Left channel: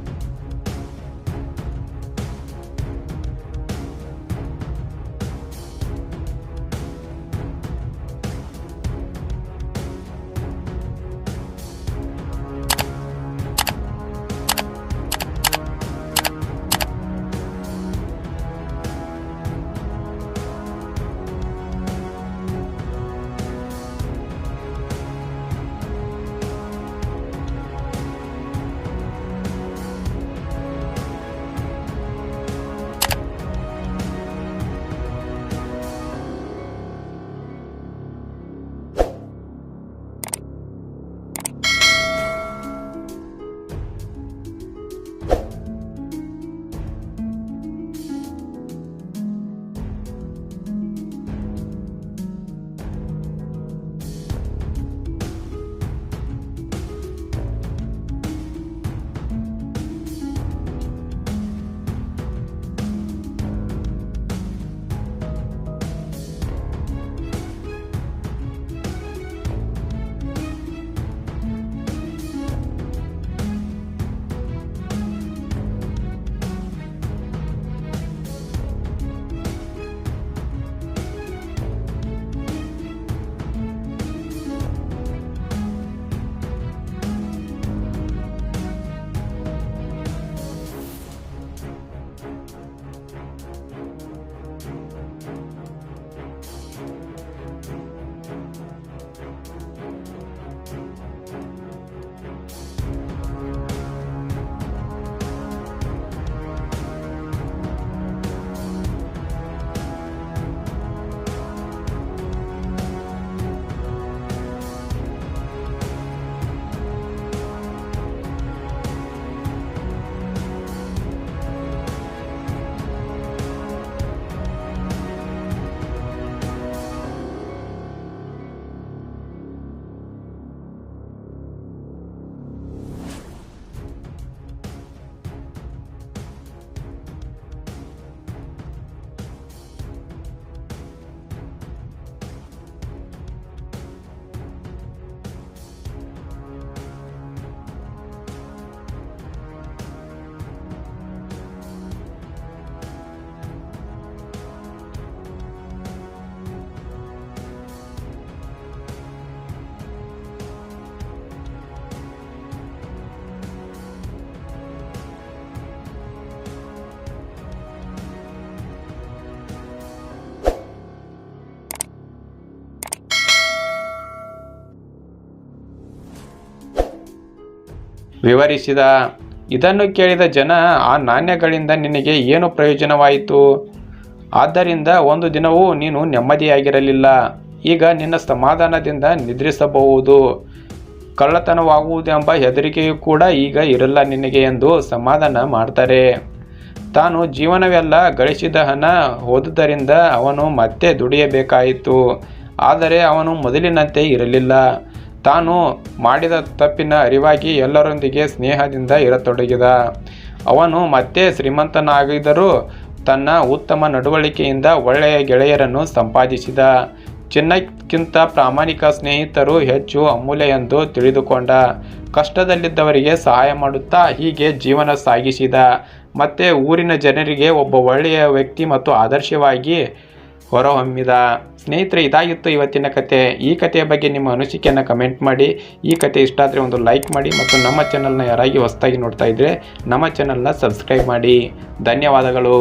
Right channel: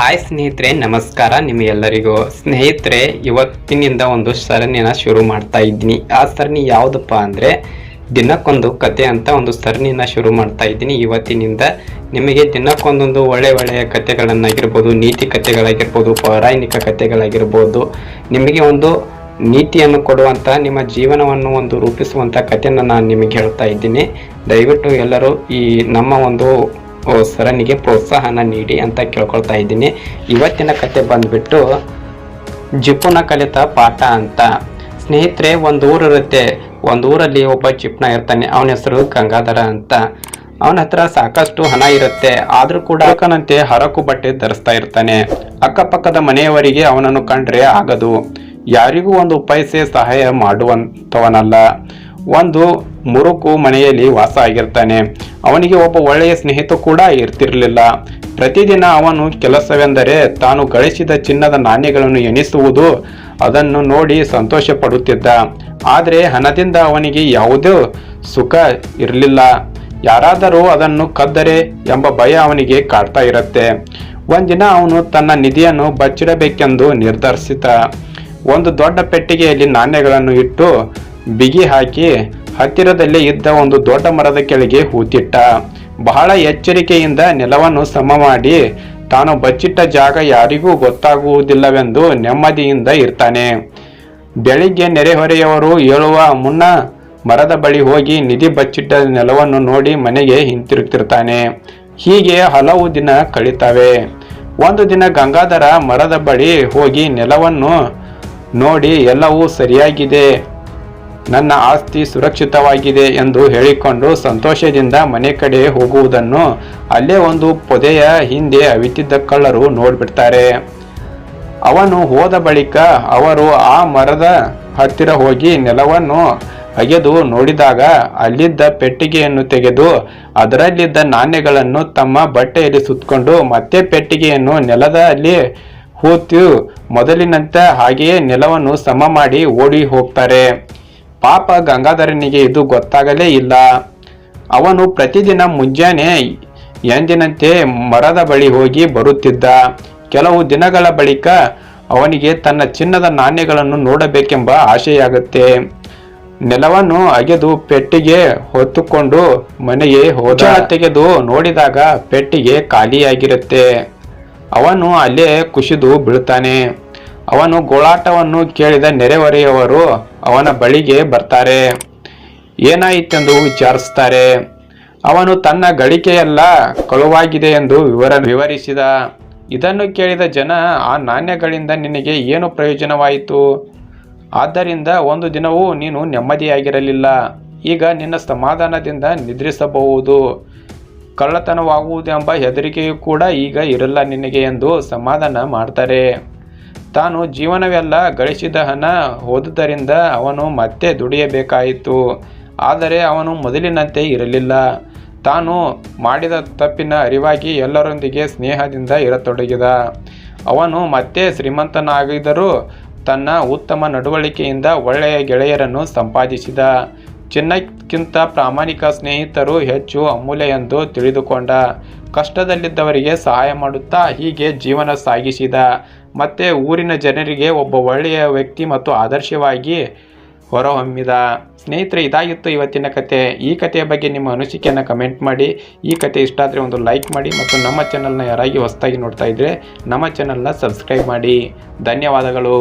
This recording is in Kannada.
ಹಾಯ್ ಸ್ನೇಹಿತರೆ, ನಮಸ್ಕಾರ ನಿಮಗೆಲ್ಲರಿಗೂ. ಸ್ನೇಹಿತರೆ, ಇವತ್ತಿನಿಂದ ಒಂದು ಸರಣಿನ ಶುರು ಮಾಡ್ತಾ ಇದ್ದೀನಿ. ಆ ಸರಣಿ ಯಾವುದಪ್ಪ ಅಂದರೆ ದಿನಕ್ಕೊಂದು ಕತೆ ಅಂತ ಒಂದು ಸರಣಿನ ಶುರು ಮಾಡ್ತಾ ಇದ್ದೀನಿ. ಇವತ್ತಿನಿಂದ ನಿಮಗೆ ದಿನಕ್ಕೊಂದೊಂದು ಒಳ್ಳೆಯ ಕತೆಗಳನ್ನಾಗಿರ್ಬೋದು, ನೀತಿ ಕತೆಗಳಾಗಿರ್ಬೋದು, ಪೌರಾಣಿಕ ಕತೆಗಳಾಗಿರ್ಬೋದು, ನಿಮಗೆ ಒಂದು ನೀತಿಯನ್ನು ಕೊಡುವಂಥ, ನಿಮ್ಮ ಜೀವನವನ್ನು ಒಂದು ರೂಪಿಸುವಂಥ ಕಥೆಯನ್ನು ನಾನು ನಿಮಗೆ ಹೇಳ್ತಾ ಇದ್ದೀನಿ. ದಯವಿಟ್ಟು ಎಲ್ಲರೂ ಈ ನಮ್ಮ ಒಂದು ಸರಣಿಗೆ ಪ್ರೋತ್ಸಾಹನ ನೀಡಿ ಅಂತ ಕೇಳ್ಕೊಳ್ತಾ ಇದ್ದೀನಿ. ಇವತ್ತಿನ ಕತೆ ಬಂದ್ಬಿಟ್ಟು ಜಿಪುನ ಕಲಿತ ಪಾಠ ಅಂತ. ಸ್ನೇಹಿತರೆ, ಒಂದು ಊರಿರುತ್ತೆ. ಒಂದು ಊರಲ್ಲಿ ಒಬ್ಬ ಜಿಪ್ನ ಇರ್ತಾನೆ. ಅವನ ಹೆಸರು ಗಂಗಾಧರ ಅಂತ. ಅವನ ಹತ್ರ ಸಾಕಷ್ಟು ಹಣ ಇರುತ್ತೆ. ಆದರೂ ಕೂಡ ಅಕ್ಕನಂತೆ ಹರಕು ಬಟ್ಟೆ ಧರಿಸ್ತಾ ಇರ್ತಾನೆ. ಅಕ್ಕಪಕ್ಕದ ಮನೆಯವರಿಗೆ ಅವನನ್ನು ಕಂಡ್ರೆ ಆಗದು. ಯಾರಿಗೂ ಒಂದು ಪೈಸೆ ಸಹಾಯ ಮಾಡುವಂಥವನಲ್ಲ. ಒಂದು ಮುರುಕು ಮನೆಯಲ್ಲಿ ವಾಸ ಆಗಿರ್ತಾನೆ. ಅವನಿಗೆ ಒಬ್ಬ ಒಳ್ಳೆಯ ಸ್ನೇಹಿತ ಕೂಡ ಇರ್ತಿರಲಿಲ್ಲ. ಪ್ರತಿದಿನ ಅವನು ಕೆಲಸವೆಂದರೆ ತಾನು ಗಳಿಸಿದ ಚಿನ್ನದ ನಾಣ್ಯಗಳನ್ನು ಎಣಿಸುವುದು. ಅದನ್ನು ನೋಡಿ ಸಂತೋಷ ಪಡುತ್ತಿದ್ದ. ಆದರೆ ಹಣದಿಂದ ಅವನಿಗೆ ಯಾವುದೇ ಸುಖ ಇರಲಿಲ್ಲ. ಯಾರಾದರೂ ಅದನ್ನು ಕದ್ದರೆ ಎಂಬ ಭಯ ಅವನಿಗೆ ಕಾಡ್ತಾ ಇರುತ್ತೆ. ಒಂದಿನ ಅವನು ತನ್ನ ನಿಧಿಯನ್ನು ಬಚ್ಚಿಡಬೇಕೆಂದು ನಿರ್ಧರಿಸಿದ. ಒಂದು ದೊಡ್ಡ ಪೆಟ್ಟಿಗೆಯಲ್ಲಿ ನಾಣ್ಯಗಳನ್ನು ಇಟ್ಟು ಬಿಗಿ ಹಾಕಿ ಹತ್ತಿರದಲ್ಲೇ ಇದ್ದ ಒಂದು ದೊಡ್ಡ ಮರದ ಕೆಳಗೆ ಹೂತಿಟ್ಟ. ಬಹಳ ಎಚ್ಚರಿಕೆಯಿಂದ ನೆಲವನ್ನು ಸಮ ಮಾಡಿ ತಾನು ಬಚ್ಚಿಟ್ಟ ಜಾಗ ಯಾರಿಗೂ ಗೊತ್ತಾಗುವುದಿಲ್ಲವೆಂದು ನೆಮ್ಮದಿಯಿಂದ ಇರ್ತಾನೆ. ಬೆಳಿಗ್ಗೆ ನೆರೆಹೊರೆಯವರು ಏಳುವ ಮುನ್ನ ಮರದ ಬಳಿ ಹೋಗಿ ನಿಧಿ ಬಚ್ಚಿಟ್ಟ ನೆಲವನ್ನು ನೋಡಿ ಮನೆಗೆ ಹಿಂತಿರುಗ್ತಿರ್ತಾನೆ. ಹೀಗೆ ಹಲವು ದಿನ ಕಳೀತವೆ. ಒಂದು ದಿನ ಗಂಗಾಧರ ಮರದ ಬಳಿ ಹೋಗಿ ನೆಲವನ್ನು ನೋಡಿ ಎಲ್ಲವೂ ಸರಿಯಾಗಿದೆ, ನನ್ನ ಆಸ್ತಿ ಸುರಕ್ಷಿತವಾಗಿದೆ ಎಂದು ಹೇಳಿಕೊಂಡು ಸಂತೋಷದಿಂದ ಮನೆ ಕಡೆ ಹೋಗುವುದನ್ನು ಅಲ್ಲೇ ಒಂದು ಪೊದೆಯ ಹಿಂದೆ ಅವಿತಿದ್ದ ಕಳ್ಳರು ನೋಡ್ಬಿಡ್ತಾರೆ. ಅವನು ಹೋದ ಬಳಿಕ ಅವರು ಆ ಮರದ ಹತ್ತಿರ ಹೋಗಿ ನೆಲವನ್ನು ಅಗೆದು ನೋಡಿದಾಗ ಅಲ್ಲಿದ್ದ ಪೆಟ್ಟಿಗೆಯನ್ನು ತೆಗೆದು ಅದರಲ್ಲಿದ್ದ ನಾಣ್ಯಗಳನ್ನು ತಮ್ಮ ಬಟ್ಟೆಯಲ್ಲಿ ಸುತ್ತಕೊಂಡು ಮತ್ತೆ ಪೆಟ್ಟಿಗೆಯನ್ನು ನೆಲದಲ್ಲಿ ಹೂತು ಮೊದಲಿನಂತೆ ಹಾಗೆಯೇ ನೆಲವನ್ನು ಸಮ ಮಾಡಿ ಓಡಿ ಹೋಗ್ತಾರೆ. ಪಾಪ ಗಂಗಾಧರನಿಗೆ ಇದು ಗೊತ್ತಾಗಲೇ ಇಲ್ಲ. ಅವನು ಪ್ರತಿದಿನ ಮುಂಜಾನೆ ಎಂದಿನಂತೆ ಮರದ ಬಳಿ ಹೋಗಿ ಬರುತ್ತಿದ್ದ. ಕೆಲವು ದಿನಗಳ ಬಳಿಕ ಅವನಿಗೆ ತನ್ನ ಚಿನ್ನದ ನಾಣ್ಯಗಳನ್ನು ನೋಡಬೇಕೆಂಬ ಆಸೆಯಾಗುತ್ತೆ. ನೆಲವನ್ನು ಅಗೆದು ಪೆಟ್ಟಿಗೆ ಹೊತ್ತುಕೊಂಡು ಮನೆಗೆ ಹೋದ. ತೆಗೆದು ನೋಡಿದಾಗ ಪೆಟ್ಟಿಗೆ ಖಾಲಿಯಾಗಿರುತ್ತೆ. ಅವನು ಅಲ್ಲೇ ಕುಸಿದು ಬೀಳ್ತಾನೆ. ಅವನು ಗೋಳಾಟವನ್ನು ಕೇಳಿದ ನೆರೆಹೊರೆಯವರು ಅವನ ಬಳಿಗೆ ಬರ್ತಾರೆ. ಏನಾಯಿತೆಂದು ವಿಚಾರಿಸ್ತಾರೆ. ಅವನು ತನ್ನ ಗಳಿಕೆಯೆಲ್ಲ ಕಳುವಾಗಿದೆ ಎಂದು ವಿವರಿಸಿದ. ಇದನ್ನು ಕೇಳಿದ ಜನ, ಆ ನಾಣ್ಯಗಳಿಂದ ನಿನಗೆ ಏನು ಪ್ರಯೋಜನವಾಯಿತು? ಆದ್ದರಿಂದ ಒಂದು ದಿನವೂ ನೀನು ನೆಮ್ಮದಿಯಾಗಿರಲಿಲ್ಲ. ಈಗ ನಿನ್ನ ಸಮಾಧಾನದಿಂದ ನಿದ್ರಿಸಬಹುದು. ಕಳ್ಳತನವಾಗುವುದೆಂಬ ಹೆದರಿಕೆಯೂ ಕೂಡ ಈಗ ಇರಲ್ಲ ನಿನಗೆ ಎಂದು ಸಮಾಧಾನ ಮಾಡ್ತಾರೆ. ತಾನು ಜೀವನವೆಲ್ಲ ಗಳಿಸಿದ ಹಣ ಹೋದುದರಿಂದ ಅವನು ಮತ್ತೆ ದುಡಿಯಬೇಕಾಯಿತು. ಆದರೆ ಅವನು ಮೊದಲಿನಂತೆ ಇರಲಿಲ್ಲ. ತಾನು ಮಾಡಿದ ತಪ್ಪಿನ ಅರಿವಾಗಿ ಎಲ್ಲರೊಂದಿಗೆ ಸ್ನೇಹದಿಂದ ಇರತೊಡಗಿದ. ಅವನು ಮತ್ತೆ ಶ್ರೀಮಂತನಾಗಿದ್ದರೂ ತನ್ನ ಉತ್ತಮ ನಡವಳಿಕೆಯಿಂದ ಒಳ್ಳೆಯ ಗೆಳೆಯರನ್ನು ಸಂಪಾದಿಸಿದ. ಚಿನ್ನಕ್ಕಿಂತ ಪ್ರಾಮಾಣಿಕ ಸ್ನೇಹಿತರು ಹೆಚ್ಚು ಅಮೂಲ್ಯ ಎಂದು ತಿಳಿದುಕೊಂಡ. ಕಷ್ಟದಲ್ಲಿದ್ದವರಿಗೆ ಸಹಾಯ ಮಾಡುತ್ತಾ ಹೀಗೆ ಜೀವನ ಸಾಗಿಸಿದ. ಮತ್ತೆ ಊರಿನ ಜನರಿಗೆ ಒಬ್ಬ ಒಳ್ಳೆಯ ವ್ಯಕ್ತಿ ಮತ್ತು ಆದರ್ಶವಾಗಿ ಹೊರಹೊಮ್ಮಿದ. ಸ್ನೇಹಿತರೆ, ಇದಾಗಿತ್ತು ಇವತ್ತಿನ ಕತೆ. ಈ ಕಥೆಯ ಬಗ್ಗೆ ನಿಮ್ಮ ಅನಿಸಿಕೆಯನ್ನು ಕಮೆಂಟ್ ಮಾಡಿ. ಈ ಕತೆ ಇಷ್ಟ ಆದರೆ ಒಂದು ಲೈಕ್ ಮಾಡಿ ಮತ್ತು ನಮ್ಮ ಚಾನಲ್ನ ಯಾರಾಗಿ ಹೊಸದಾಗಿ ನೋಡ್ತಾ ಇದ್ದರೆ ನಮ್ಮ ಚಾನಲ್ನ ಸಬ್ಸ್ಕ್ರೈಬ್ ಮಾಡಿ. ಧನ್ಯವಾದಗಳು.